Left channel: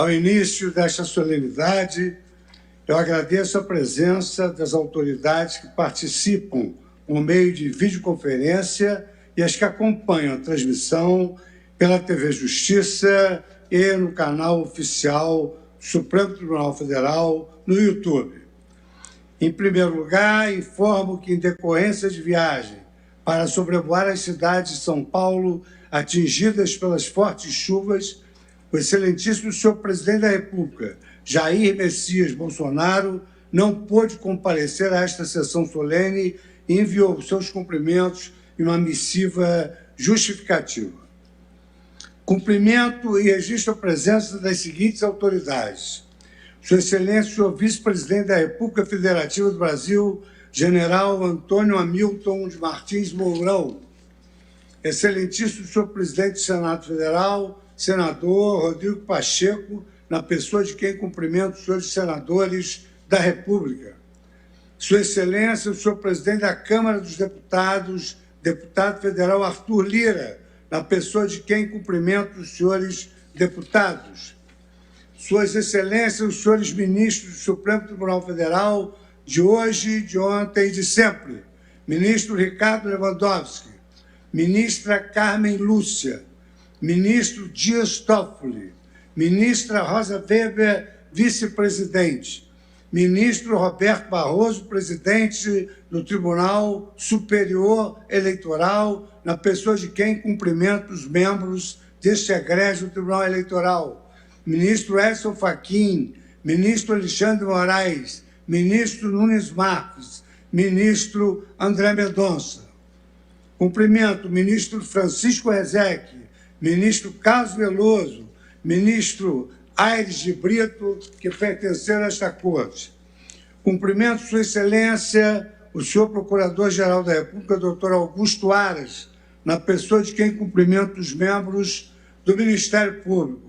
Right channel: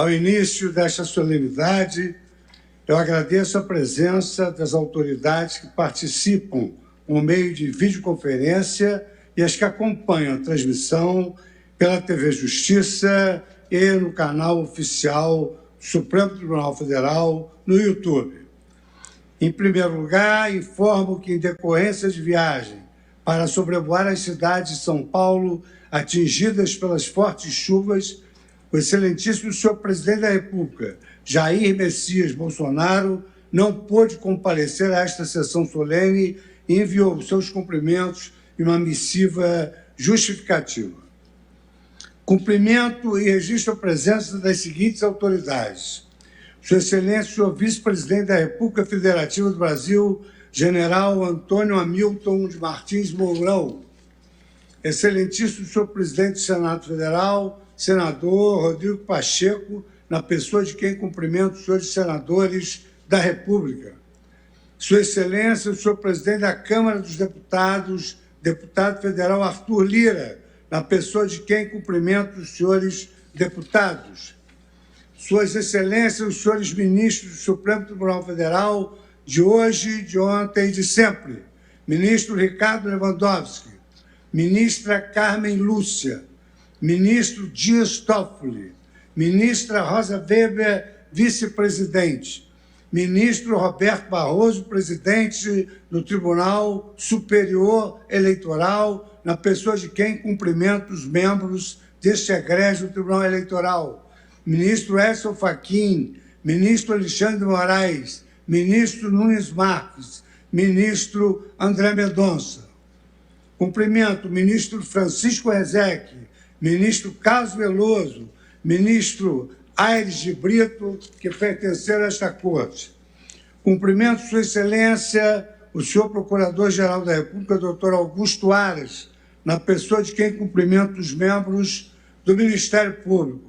Ao início desta solenidade, eu agradeço a presença das autoridades que participam por meio de videoconferência e as que acompanham a transmissão pela TV Justiça e no canal oficial do Supremo Tribunal Federal no YouTube. Em primeiro lugar, informo que, em decorrência de viagem para sobrevoar as cidades de São Paulo atingidas pelas fortes chuvas, o excelentíssimo senhor presidente da República, Jair Messias Bolsonaro, não pôde comparecer a esta sessão solene e enviou seus cumprimentos em uma missiva justificativa. Cumprimento e registro a presença das seguintes autoridades: Sua Excelência, senhor vice-presidente da República Federativa do Brasil, general Antônio Hamilton de Martins Mourão, excelentíssimo senhor presidente do Senado Federal, senador Rodrigo Pacheco, na pessoa de quem cumprimento os senhores senadores da República. Sua Excelência, o senhor presidente da Câmara dos Deputados, deputado federal Arthur Lira, na pessoa de quem cumprimento os senhores deputados. Suas Excelências, os senhores ministros do Supremo Tribunal Federal, de hoje, de ontem e de sempre. Ministro Ricardo Lewandowski, ministra Carmen Lúcia, ministro Dias Toffoli, ministra Rosa Weber, vice-presidente, ministro Roberto Barroso, presidente do Tribunal Superior Eleitoral, na pessoa de quem cumprimento os membros deste egrégio do Tribunal Eleitoral, ministro Edson Fachin, ministro Alexandre Moraes, ministro Nunes Marques, ministro André Mendonça. Cumprimento o ministro Francisco Rezec, ministro Carlos Veloso, ministro Aires de Brito, que pertenceram a esta corte. Cumprimento Sua Excelência, o senhor Procurador-Geral da República, doutor Augusto Aras, na pessoa de quem cumprimento os membros do Ministério Público.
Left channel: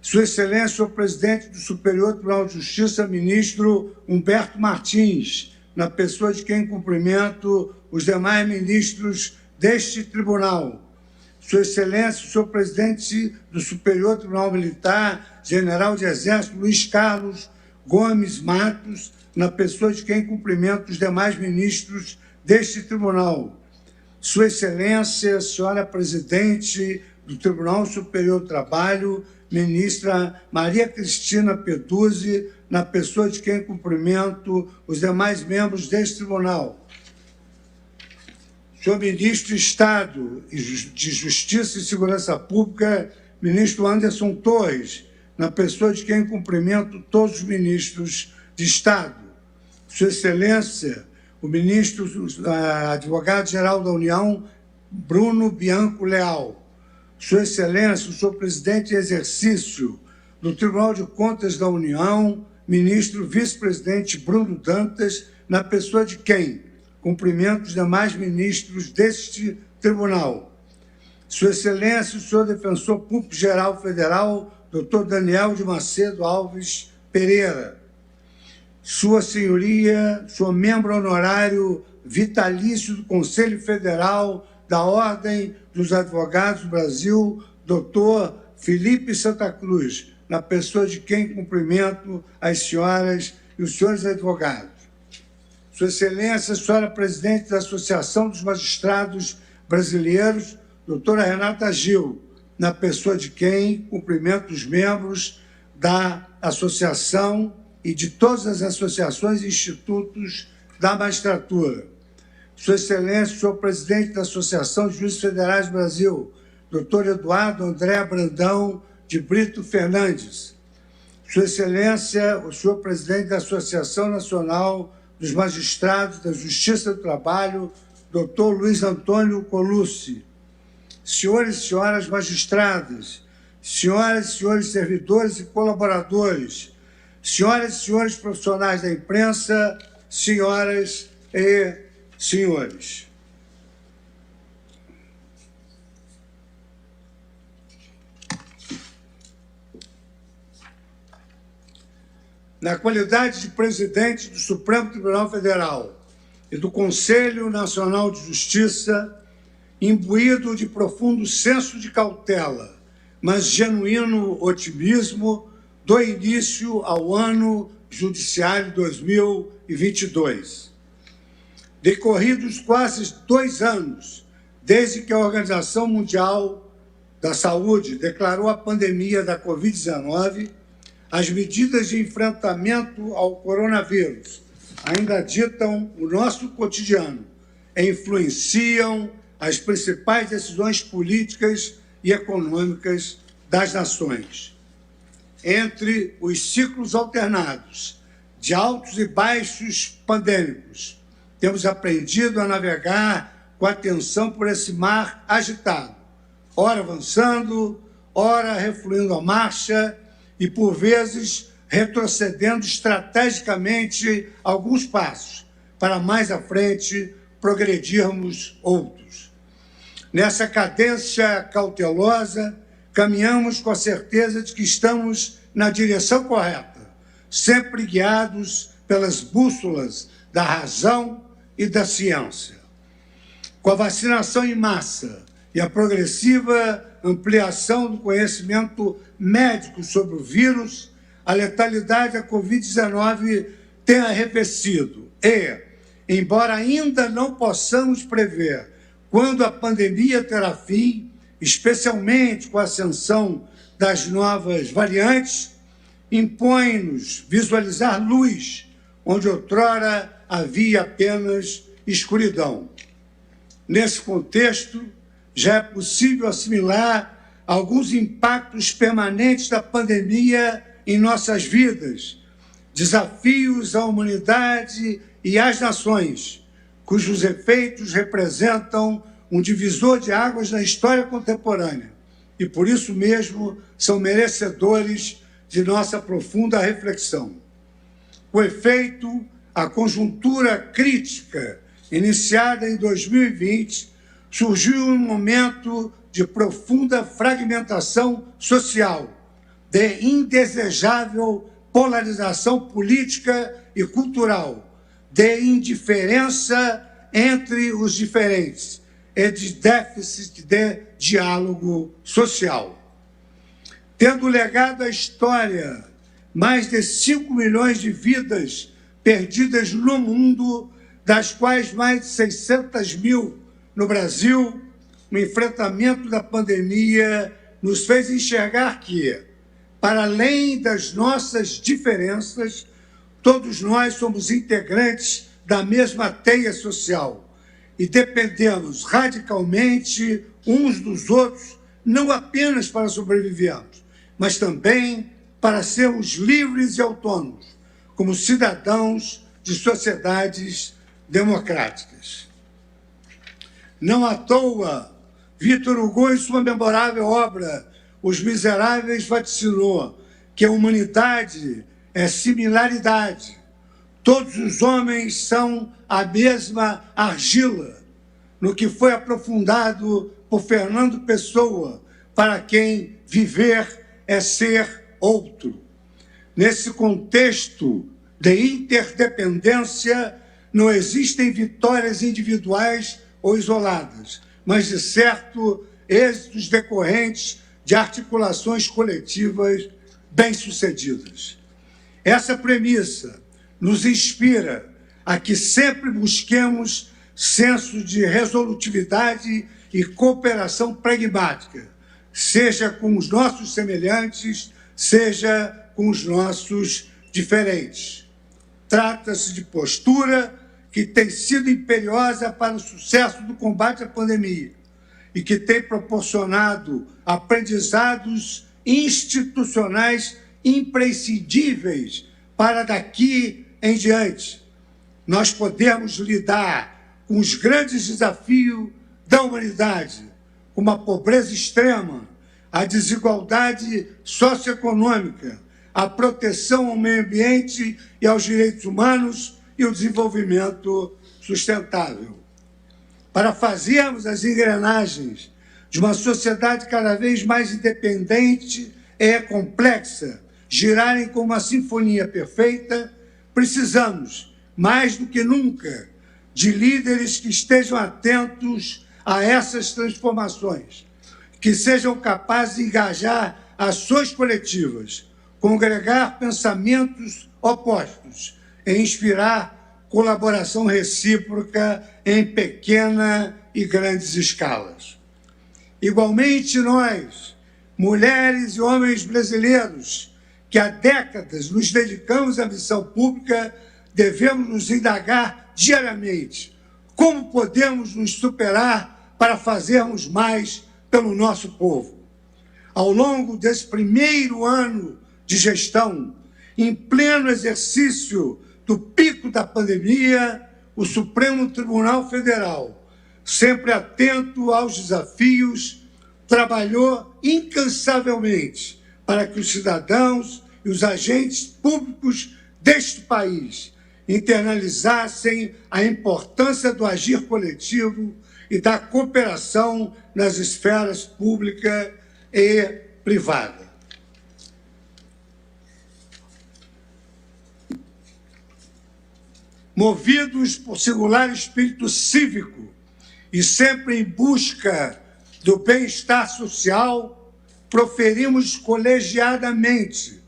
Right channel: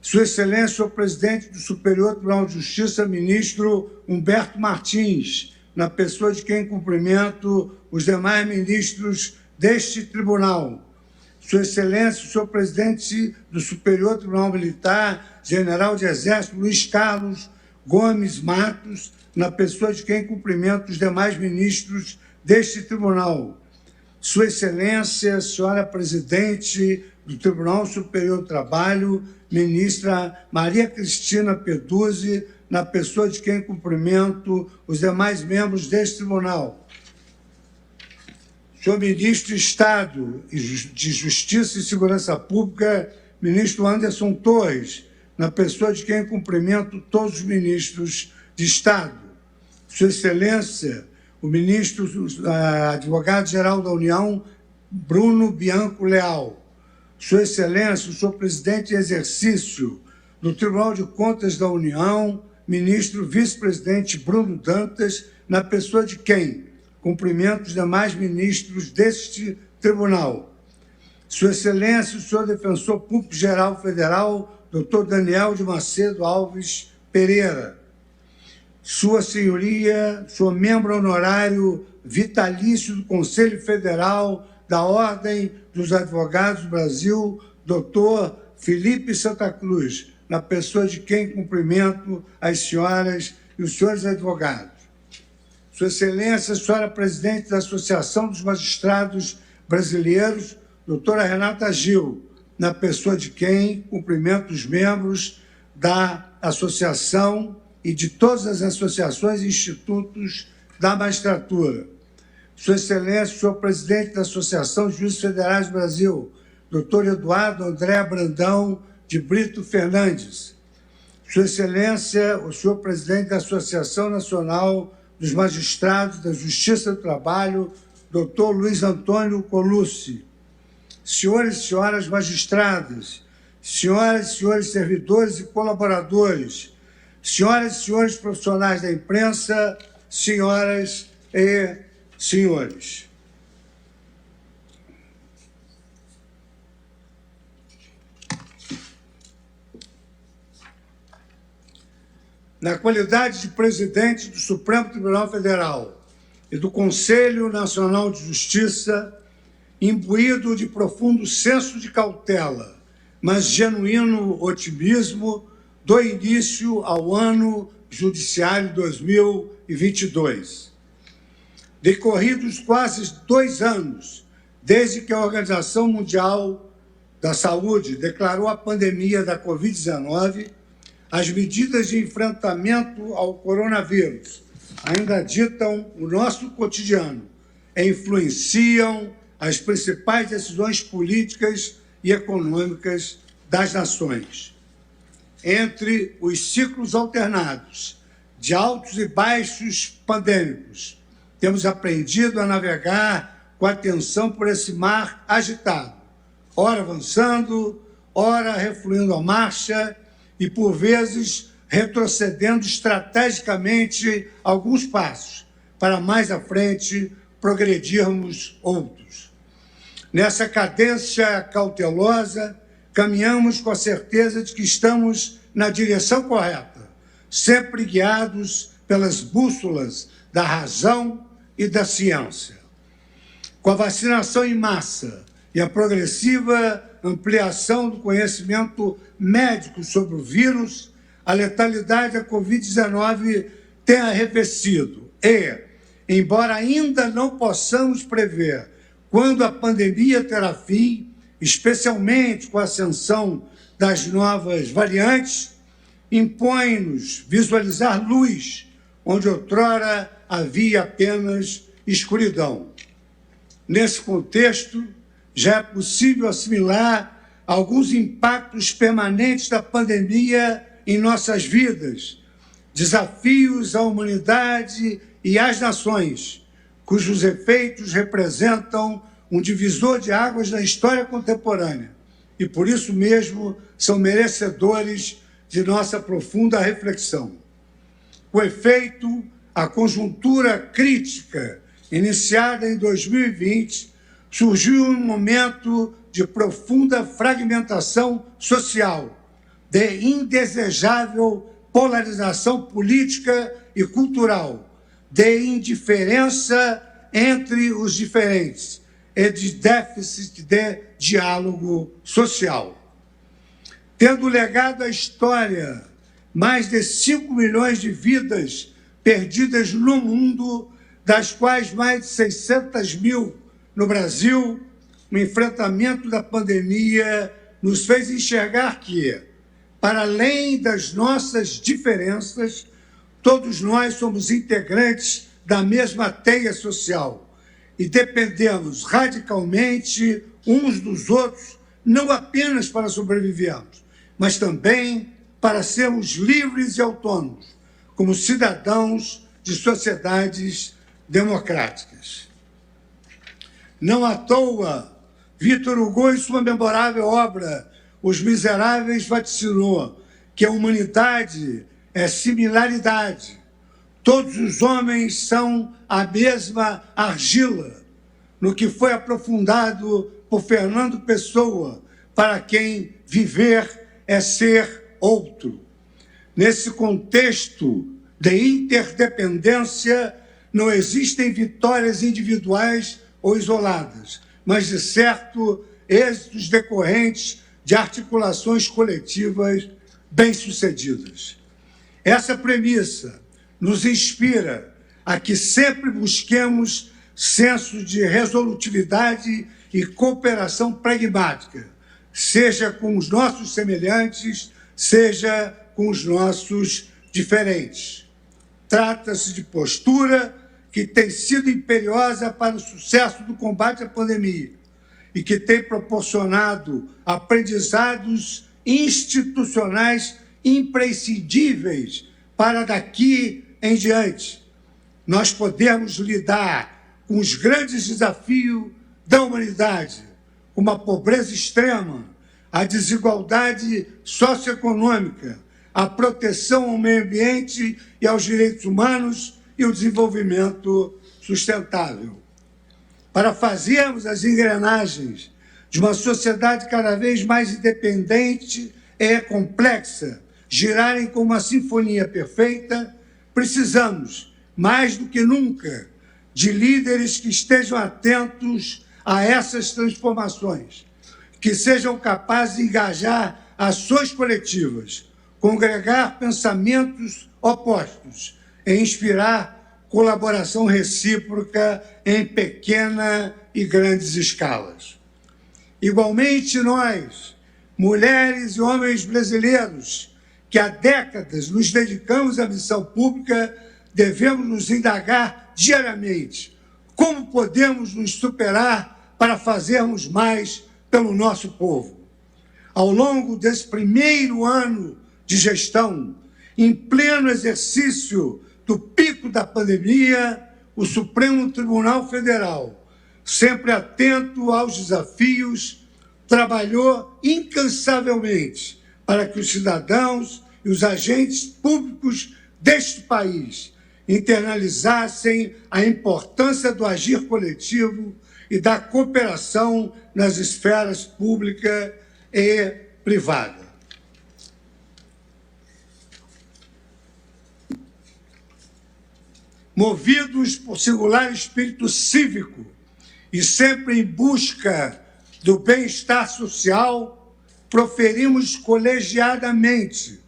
Sua Excelência, o presidente do Superior Tribunal de Justiça, ministro Humberto Martins, na pessoa de quem cumprimento os demais ministros deste tribunal. Sua Excelência, o senhor presidente do Superior Tribunal Militar, general de Exército Luiz Carlos Gomes Matos, na pessoa de quem cumprimento os demais ministros deste tribunal. Sua Excelência, senhora presidente do Tribunal Superior do Trabalho, ministra Maria Cristina Peduzzi, na pessoa de quem cumprimento os demais membros deste tribunal. Senhor Ministro de Estado de Justiça e Segurança Pública, ministro Anderson Torres, na pessoa de quem cumprimento todos os ministros de Estado. Sua Excelência, o ministro advogado-geral da União, Bruno Bianco Leal. Sua Excelência, o senhor presidente em exercício do Tribunal de Contas da União, ministro vice-presidente Bruno Dantas, na pessoa de quem cumprimento os demais ministros deste tribunal. Sua Excelência, o senhor defensor público-geral federal, doutor Daniel de Macedo Alves Pereira. Sua Senhoria, sou membro honorário vitalício do Conselho Federal da Ordem dos Advogados do Brasil, doutor Felipe Santa Cruz, na pessoa de quem cumprimento as senhoras e os senhores advogados. Sua Excelência, senhora presidente da Associação dos Magistrados Brasileiros, doutora Renata Gil, na pessoa de quem cumprimento os membros da associação e de todas as associações e institutos da magistratura. Sua Excelência, senhor presidente da Associação de Juízes Federais do Brasil, doutor Eduardo André Brandão de Brito Fernandes. Sua Excelência, o senhor presidente da Associação Nacional dos Magistrados da Justiça do Trabalho, doutor Luiz Antônio Colucci. Senhores e senhoras magistradas, senhoras e senhores servidores e colaboradores, senhoras e senhores profissionais da imprensa, senhoras e senhores. Na qualidade de presidente do Supremo Tribunal Federal e do Conselho Nacional de Justiça, imbuído de profundo senso de cautela, mas genuíno otimismo, do início ao ano judiciário 2022. Decorridos quase 2 anos desde que a Organização Mundial da Saúde declarou a pandemia da Covid-19, as medidas de enfrentamento ao coronavírus ainda ditam o nosso cotidiano e influenciam as principais decisões políticas e econômicas das nações. Entre os ciclos alternados de altos e baixos pandêmicos, temos aprendido a navegar com atenção por esse mar agitado, ora avançando, ora refluindo a marcha e, por vezes, retrocedendo estrategicamente alguns passos, para mais à frente progredirmos outros. Nessa cadência cautelosa, caminhamos com a certeza de que estamos na direção correta, sempre guiados pelas bússolas da razão e da ciência. Com a vacinação em massa e a progressiva ampliação do conhecimento médico sobre o vírus, a letalidade da Covid-19 tem arrefecido e, embora ainda não possamos prever quando a pandemia terá fim, especialmente com a ascensão das novas variantes, impõe-nos visualizar luz onde outrora havia apenas escuridão. Nesse contexto, já é possível assimilar alguns impactos permanentes da pandemia em nossas vidas, desafios à humanidade e às nações, cujos efeitos representam um divisor de águas na história contemporânea e, por isso mesmo, são merecedores de nossa profunda reflexão. Com efeito, a conjuntura crítica iniciada em 2020 surgiu um momento de profunda fragmentação social, de indesejável polarização política e cultural, de indiferença entre os diferentes e de déficit de diálogo social. Tendo legado à história mais de 5 milhões de vidas perdidas no mundo, das quais mais de 600 mil no Brasil, o enfrentamento da pandemia nos fez enxergar que, para além das nossas diferenças, todos nós somos integrantes da mesma teia social e dependemos radicalmente uns dos outros, não apenas para sobrevivermos, mas também para sermos livres e autônomos, como cidadãos de sociedades democráticas. Não à toa, Victor Hugo, em sua memorável obra Os Miseráveis, vaticinou que a humanidade é similaridade. Todos os homens são a mesma argila, no que foi aprofundado por Fernando Pessoa, para quem viver é ser outro. Nesse contexto de interdependência, não existem vitórias individuais ou isoladas, mas, de certo, êxitos decorrentes de articulações coletivas bem-sucedidas. Essa premissa nos inspira a que sempre busquemos senso de resolutividade e cooperação pragmática, seja com os nossos semelhantes, seja com os nossos diferentes. Trata-se de postura que tem sido imperiosa para o sucesso do combate à pandemia e que tem proporcionado aprendizados institucionais imprescindíveis para daqui em diante nós podemos lidar com os grandes desafios da humanidade, como a pobreza extrema, a desigualdade socioeconômica, a proteção ao meio ambiente e aos direitos humanos e o desenvolvimento sustentável. Para fazermos as engrenagens de uma sociedade cada vez mais independente e complexa girarem como uma sinfonia perfeita, precisamos, mais do que nunca, de líderes que estejam atentos a essas transformações, que sejam capazes de engajar ações coletivas, congregar pensamentos opostos e inspirar colaboração recíproca em pequena e grandes escalas. Igualmente, nós, mulheres e homens brasileiros, que há décadas nos dedicamos à missão pública, devemos nos indagar diariamente como podemos nos superar para fazermos mais pelo nosso povo. Ao longo desse primeiro ano de gestão, em pleno exercício do pico da pandemia, o Supremo Tribunal Federal, sempre atento aos desafios, trabalhou incansavelmente para que os cidadãos e os agentes públicos deste país internalizassem a importância do agir coletivo e da cooperação nas esferas pública e privada. Movidos por singular espírito cívico e sempre em busca do bem-estar social, proferimos colegiadamente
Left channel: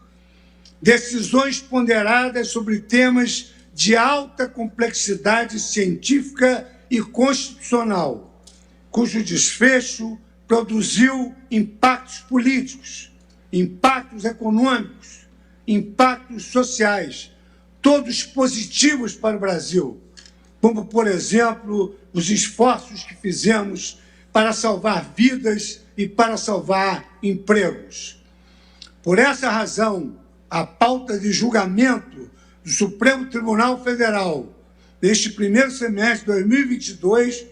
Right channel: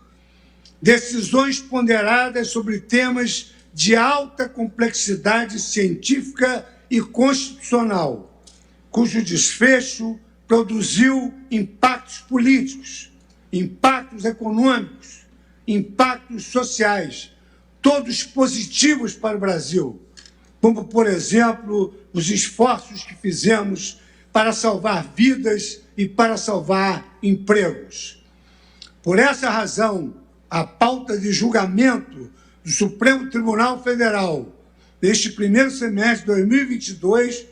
decisões ponderadas sobre temas de alta complexidade científica e constitucional, cujo desfecho produziu impactos políticos, impactos econômicos, impactos sociais, todos positivos para o Brasil, como, por exemplo, os esforços que fizemos para salvar vidas e para salvar empregos. Por essa razão, a pauta de julgamento do Supremo Tribunal Federal neste primeiro semestre de 2022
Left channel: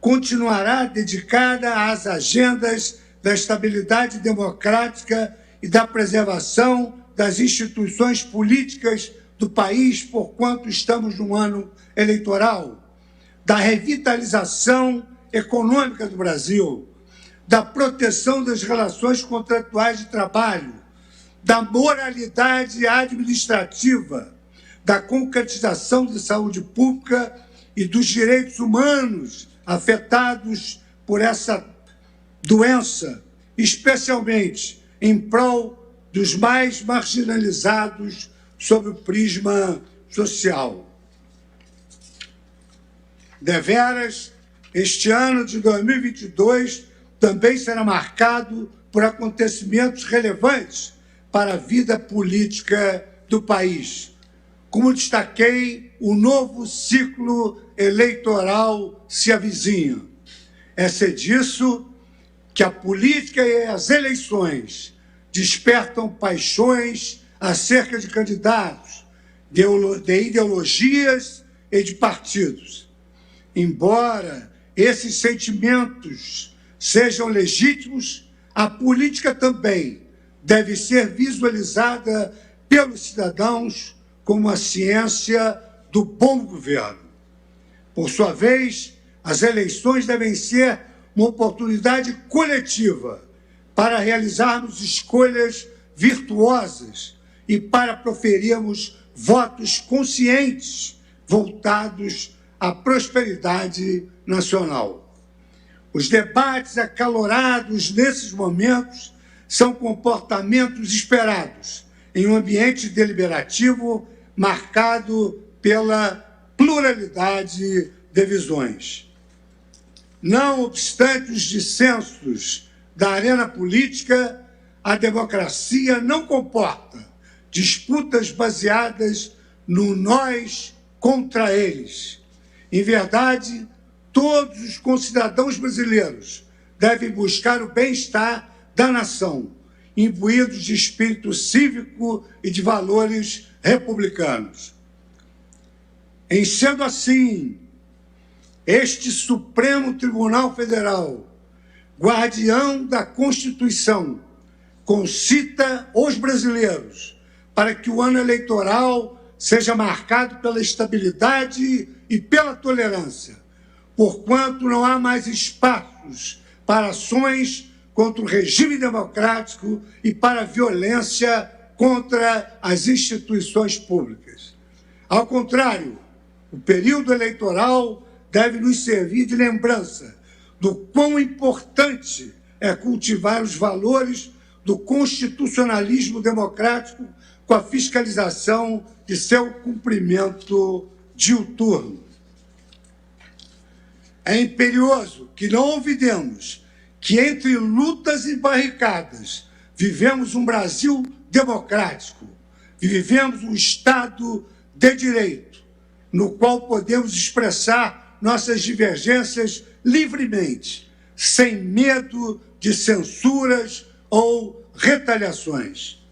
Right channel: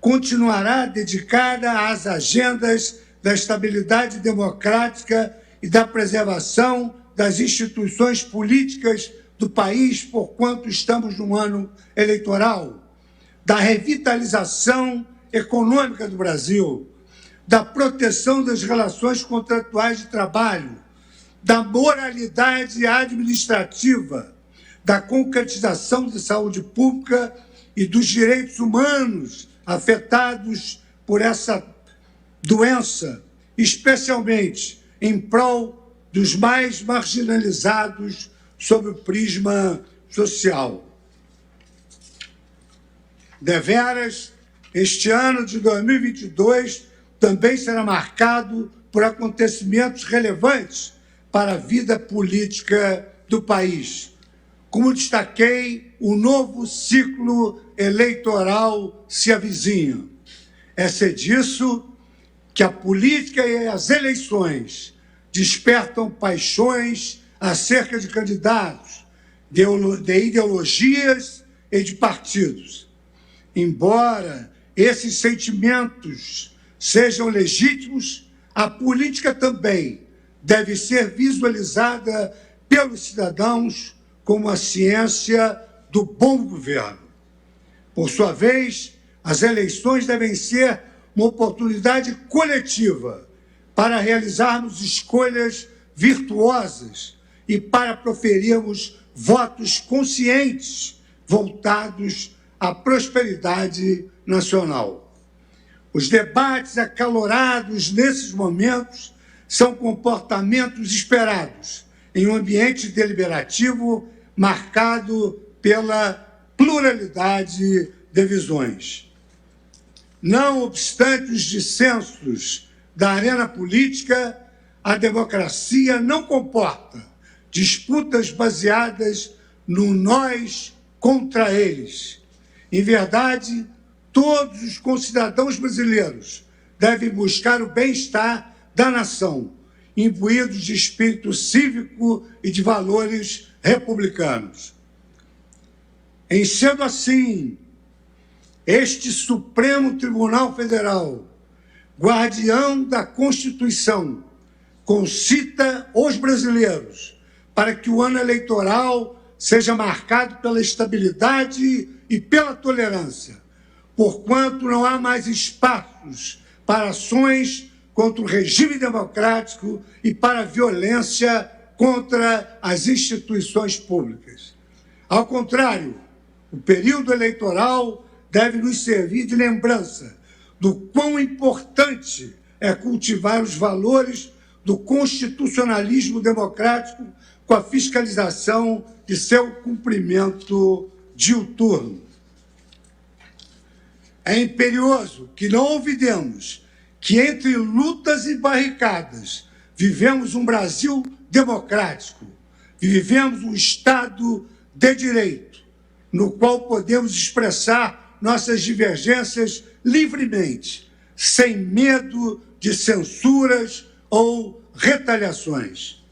continuará dedicada às agendas da estabilidade democrática e da preservação das instituições políticas do país, porquanto estamos num ano eleitoral, da revitalização econômica do Brasil, da proteção das relações contratuais de trabalho, da moralidade administrativa, da concretização de saúde pública e dos direitos humanos afetados por essa doença, especialmente em prol dos mais marginalizados sob o prisma social. Deveras, este ano de 2022 também será marcado por acontecimentos relevantes para a vida política do país. Como destaquei, o novo ciclo eleitoral se avizinha. É disso que a política e as eleições despertam paixões acerca de candidatos, de ideologias e de partidos. Embora esses sentimentos sejam legítimos, a política também deve ser visualizada pelos cidadãos como a ciência do bom governo. Por sua vez, as eleições devem ser uma oportunidade coletiva para realizarmos escolhas virtuosas e para proferirmos votos conscientes voltados à prosperidade nacional. Os debates acalorados nesses momentos são comportamentos esperados em um ambiente deliberativo marcado pela pluralidade de visões. Não obstante os dissensos da arena política, a democracia não comporta disputas baseadas no nós contra eles. Em verdade, todos os concidadãos brasileiros devem buscar o bem-estar da nação, imbuídos de espírito cívico e de valores republicanos. Em sendo assim, este Supremo Tribunal Federal, guardião da Constituição, concita os brasileiros para que o ano eleitoral seja marcado pela estabilidade e pela tolerância, porquanto não há mais espaços para ações contra o regime democrático e para a violência contra as instituições públicas. Ao contrário, o período eleitoral deve nos servir de lembrança do quão importante é cultivar os valores do constitucionalismo democrático com a fiscalização de seu cumprimento diuturno. É imperioso que não olvidemos que, entre lutas e barricadas, vivemos um Brasil democrático, vivemos um Estado de direito, no qual podemos expressar nossas divergências livremente, sem medo de censuras ou retaliações.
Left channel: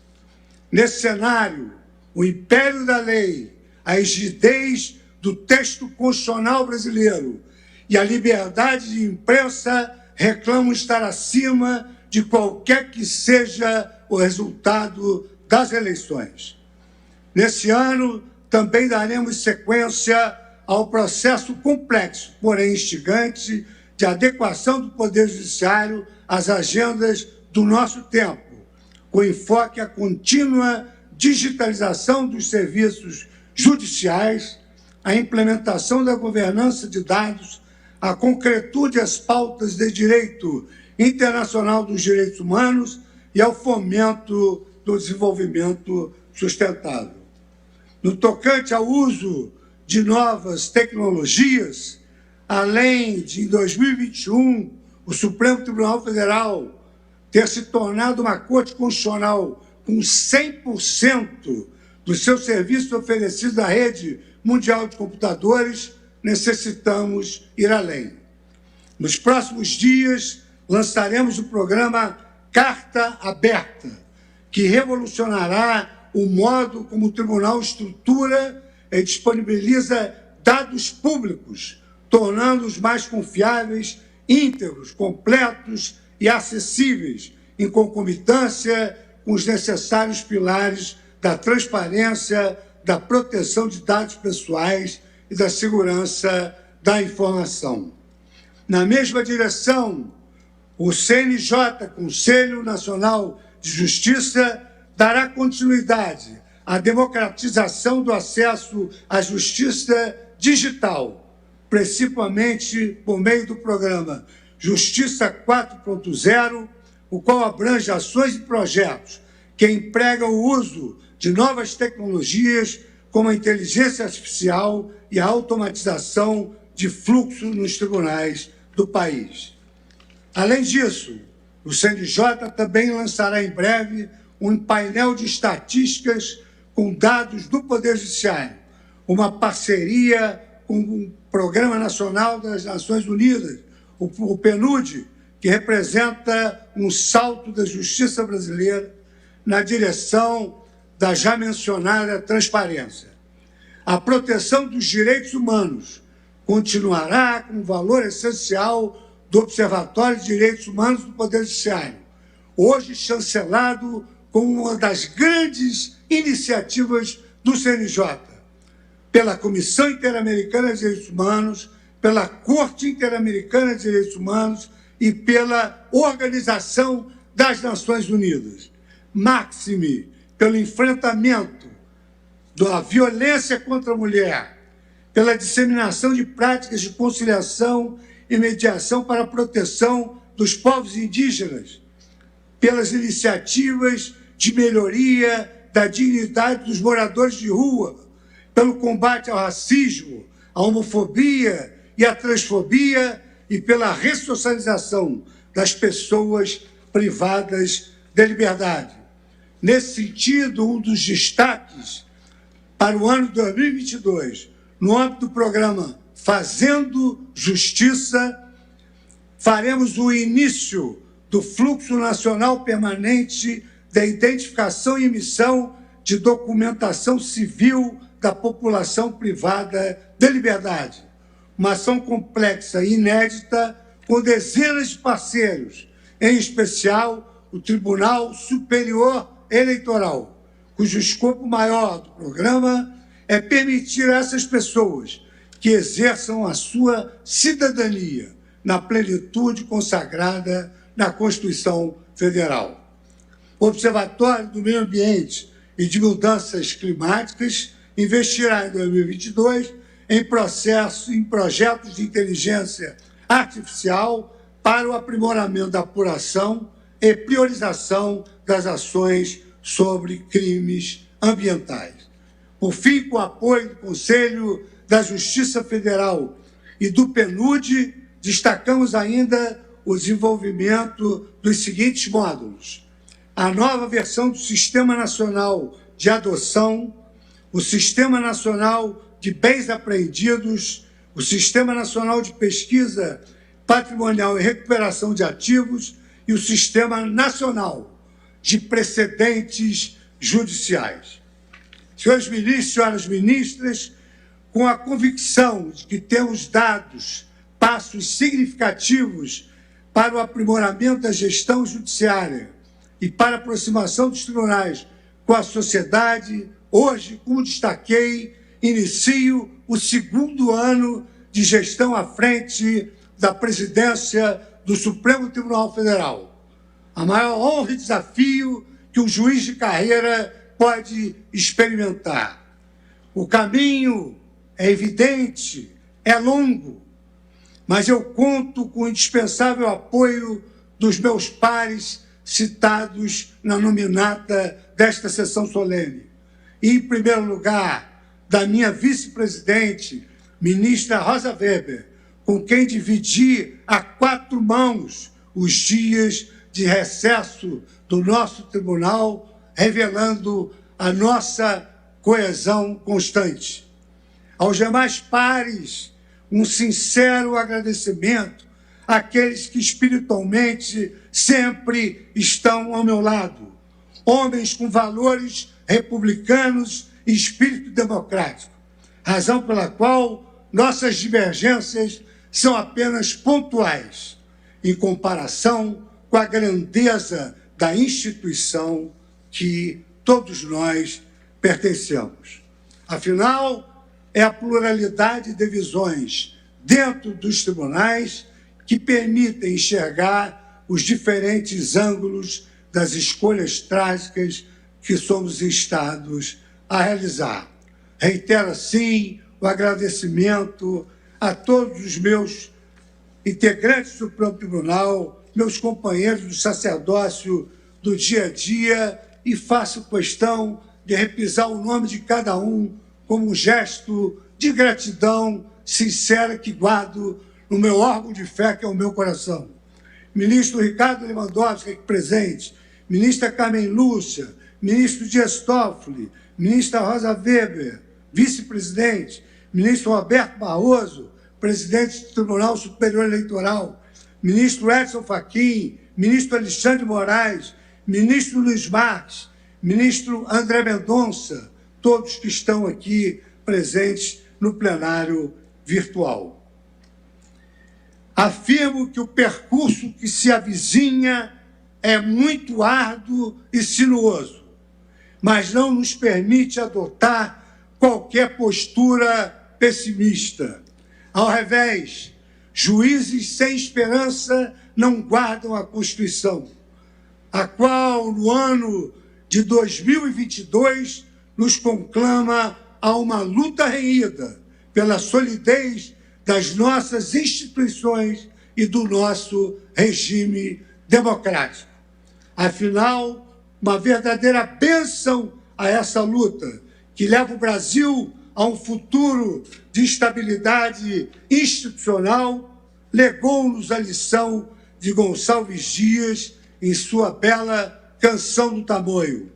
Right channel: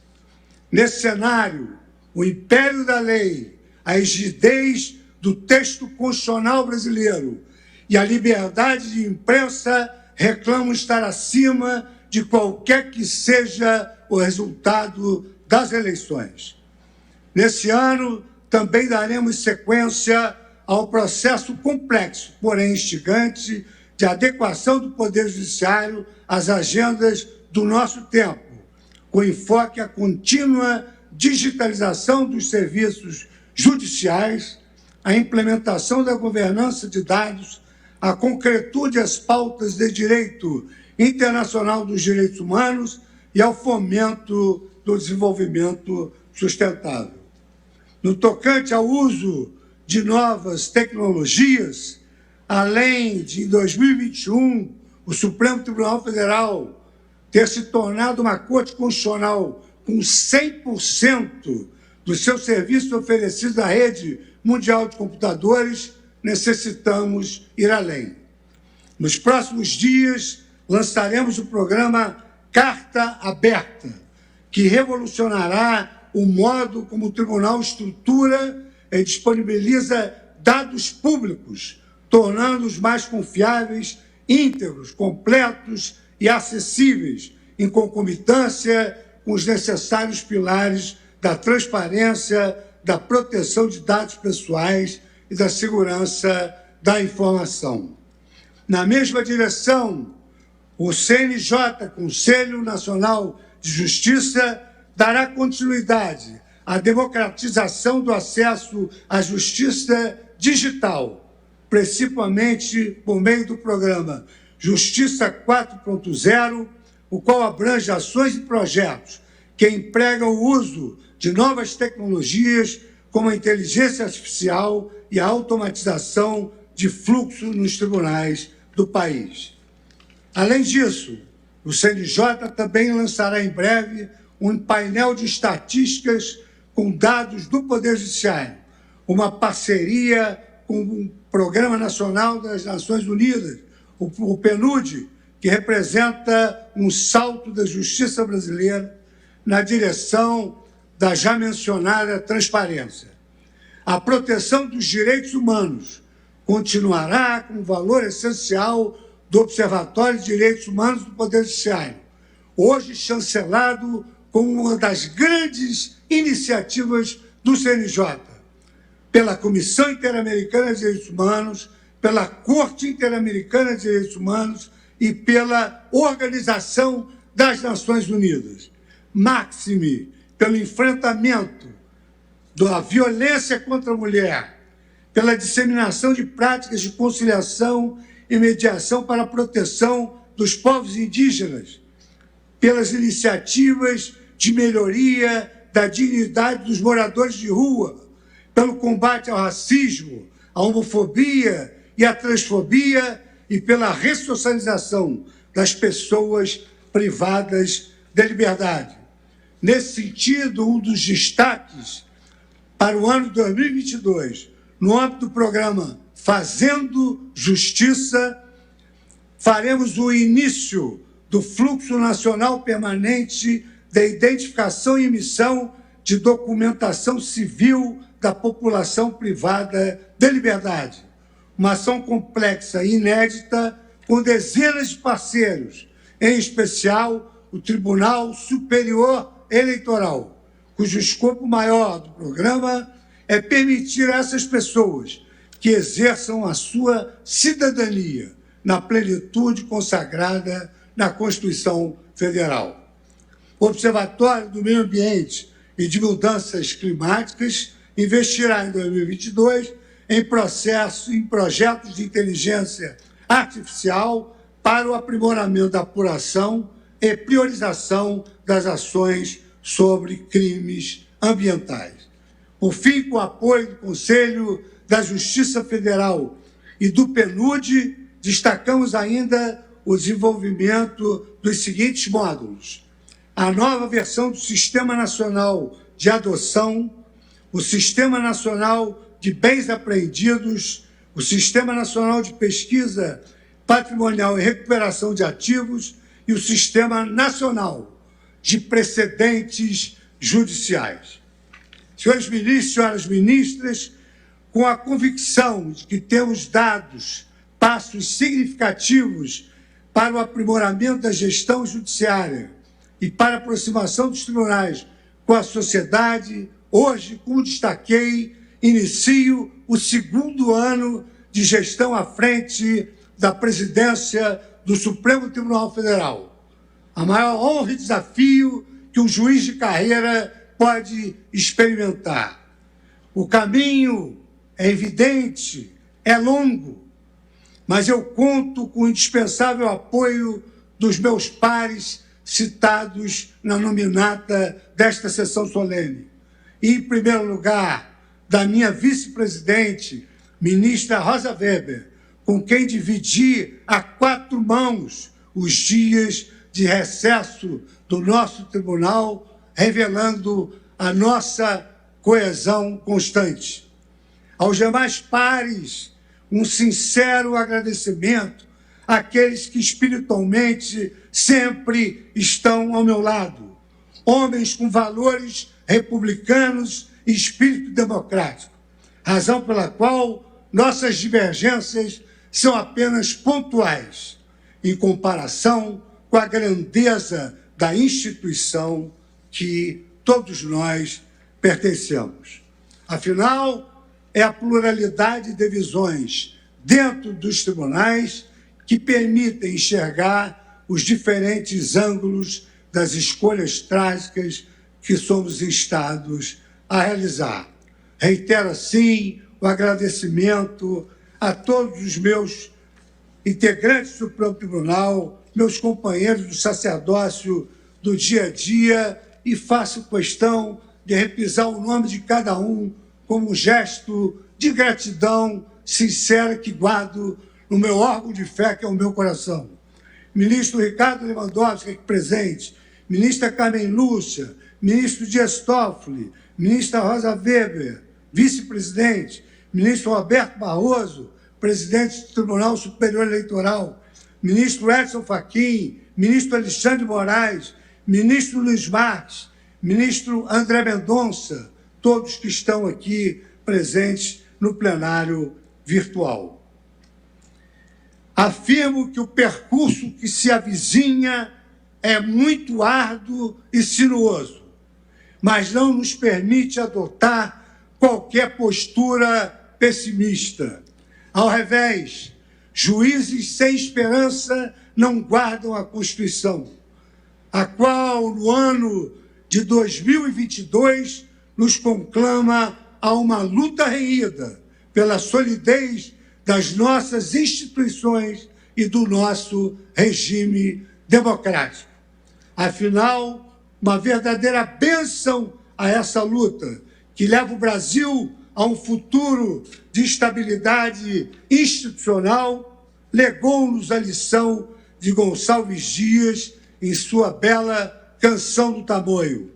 Nesse cenário, o império da lei, a rigidez do texto constitucional brasileiro e a liberdade de imprensa reclamam estar acima de qualquer que seja o resultado das eleições. Nesse ano, também daremos sequência ao processo complexo, porém instigante, de adequação do Poder Judiciário às agendas do nosso tempo, com enfoque à contínua digitalização dos serviços judiciais, a implementação da governança de dados, a concretude às pautas de direito internacional dos direitos humanos e ao fomento do desenvolvimento sustentável. No tocante ao uso de novas tecnologias, além de, em 2021, o Supremo Tribunal Federal ter se tornado uma Corte Constitucional com 100% dos seus serviços oferecidos à rede mundial de computadores, necessitamos ir além. Nos próximos dias, lançaremos o programa Carta Aberta, que revolucionará o modo como o Tribunal estrutura e disponibiliza dados públicos, tornando-os mais confiáveis, íntegros, completos e acessíveis, em concomitância com os necessários pilares da transparência, da proteção de dados pessoais e da segurança da informação. Na mesma direção, o CNJ, Conselho Nacional de Justiça, dará continuidade à democratização do acesso à justiça digital, principalmente por meio do programa Justiça 4.0, o qual abrange ações e projetos que empregam o uso de novas tecnologias como a inteligência artificial e a automatização de fluxo nos tribunais do país. Além disso, o CNJ também lançará em breve um painel de estatísticas com dados do Poder Judiciário, uma parceria com o Programa Nacional das Nações Unidas, o PNUD, que representa um salto da justiça brasileira na direção da já mencionada transparência. A proteção dos direitos humanos continuará como valor essencial do Observatório de Direitos Humanos do Poder Judiciário, hoje chancelado como uma das grandes iniciativas do CNJ, pela Comissão Interamericana de Direitos Humanos, pela Corte Interamericana de Direitos Humanos e pela Organização das Nações Unidas. Máxime pelo enfrentamento da violência contra a mulher, pela disseminação de práticas de conciliação e mediação para a proteção dos povos indígenas, pelas iniciativas de melhoria da dignidade dos moradores de rua, pelo combate ao racismo, à homofobia e à transfobia e pela ressocialização das pessoas privadas de liberdade. Nesse sentido, um dos destaques para o ano de 2022, no âmbito do programa Fazendo Justiça, faremos o início do Fluxo Nacional Permanente da Identificação e Emissão de Documentação Civil da População Privada de Liberdade. Uma ação complexa e inédita com dezenas de parceiros, em especial o Tribunal Superior Eleitoral, cujo escopo maior do programa é permitir a essas pessoas que exerçam a sua cidadania na plenitude consagrada na Constituição Federal. O Observatório do Meio Ambiente e de Mudanças Climáticas investirá em 2022 em projetos de inteligência artificial para o aprimoramento da apuração e priorização das ações sobre crimes ambientais. Por fim, com o apoio do Conselho da Justiça Federal e do PNUD, destacamos ainda o desenvolvimento dos seguintes módulos: a nova versão do Sistema Nacional de Adoção, o Sistema Nacional de Bens Apreendidos, o Sistema Nacional de Pesquisa Patrimonial e Recuperação de Ativos e o Sistema Nacional de Precedentes Judiciais. Senhores ministros, senhoras ministras, com a convicção de que temos dado passos significativos para o aprimoramento da gestão judiciária e para a aproximação dos tribunais com a sociedade, hoje, como destaquei, inicio o segundo ano de gestão à frente da presidência do Supremo Tribunal Federal. A maior honra e desafio que um juiz de carreira pode experimentar. O caminho é evidente, é longo, mas eu conto com o indispensável apoio dos meus pares citados na nominata desta sessão solene. E, em primeiro lugar, da minha vice-presidente, ministra Rosa Weber, com quem dividi a 4 mãos os dias de recesso do nosso tribunal, revelando a nossa coesão constante. Aos demais pares, um sincero agradecimento àqueles que espiritualmente sempre estão ao meu lado, homens com valores republicanos e espírito democrático, razão pela qual nossas divergências são apenas pontuais, em comparação com a grandeza da instituição que todos nós pertencemos. Afinal, é a pluralidade de visões dentro dos tribunais que permitem enxergar os diferentes ângulos das escolhas trágicas que somos instados a realizar. Reitero, assim, o agradecimento a todos os meus integrantes do Supremo Tribunal, meus companheiros do sacerdócio do dia a dia, e faço questão de repisar o nome de cada um como um gesto de gratidão sincera que guardo no meu órgão de fé, que é o meu coração. Ministro Ricardo Lewandowski, aqui presente, ministra Carmen Lúcia, ministro Dias Toffoli, ministra Rosa Weber, vice-presidente, ministro Roberto Barroso, presidente do Tribunal Superior Eleitoral, ministro Edson Fachin, ministro Alexandre Moraes, ministro Luiz Marques, ministro André Mendonça, todos que estão aqui presentes no plenário virtual. Afirmo que o percurso que se avizinha é muito árduo e sinuoso, mas não nos permite adotar qualquer postura pessimista. Ao revés, juízes sem esperança não guardam a Constituição, a qual, no ano de 2022, nos conclama a uma luta renhida pela solidez das nossas instituições e do nosso regime democrático. Afinal, uma verdadeira bênção a essa luta, que leva o Brasil a um futuro de estabilidade institucional, legou-nos a lição de Gonçalves Dias em sua bela Canção do Tamoio.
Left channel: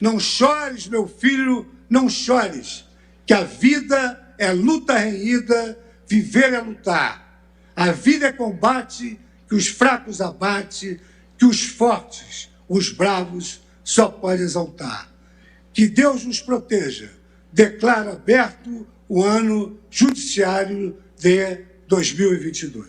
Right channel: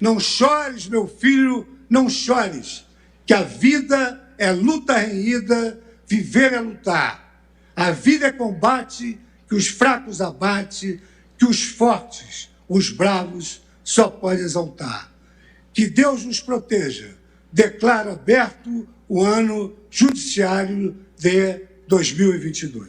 Não chores, meu filho, não chores, que a vida é luta renhida, viver é lutar. A vida é combate que os fracos abate, que os fortes, os bravos, só pode exaltar. Que Deus nos proteja. Declaro aberto o ano judiciário de 2022.